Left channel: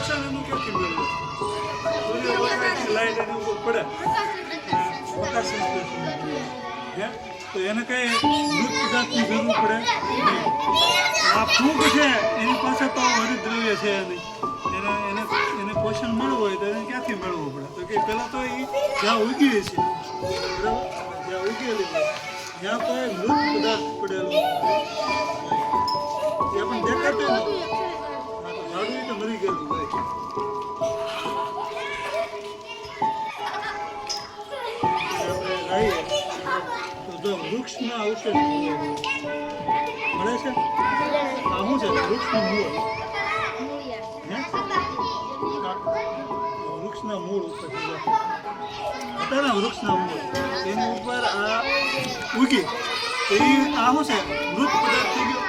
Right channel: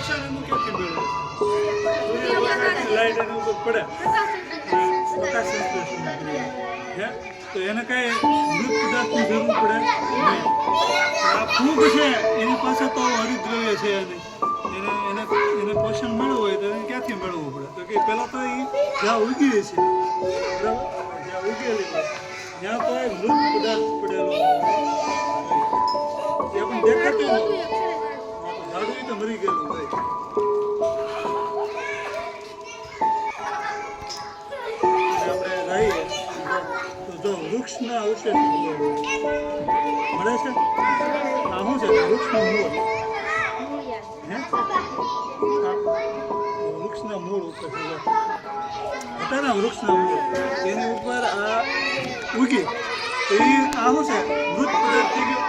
પોષણ એનું ક્યાંથી મેળવે? સૂર્યપ્રકાશની લાઈટ એની ઉપર પડે પ્રકાશ સંશ્લેષણની ક્રિયા હે તો એને કઈ મૃત પદાર્થની જરૂર પડે નહીં. આ ફૂગ છે એની પાસે તો હરિદ્રવ્ય છે નહીં. એને પોષણ મળવું હોય તો એને ક્યાંથી મેળવવું પડે? તો કે પહેલાં તો એ જ્યાં ઉગી છે બરાબર, જ્યાં ઉગેલી હોય ત્યાં કોઈ મૃત પદાર્થ પડેલો હોય એ પણ દેખાતું નથી. હા તો ઝાડું એ તો મરી ગયેલું હોય. આપણે રહીએ તો જો વૃક્ષના અવશેષ મળે છે. આ શું છે? વૃક્ષનું મૂળ હે વૃક્ષના મૂળ ઉપર હતા ને વૃક્ષના મૂળ એની ઉપર આ ઉગી તો એ આ શું છે? મૃત પદાર્થ થઈ ગયો.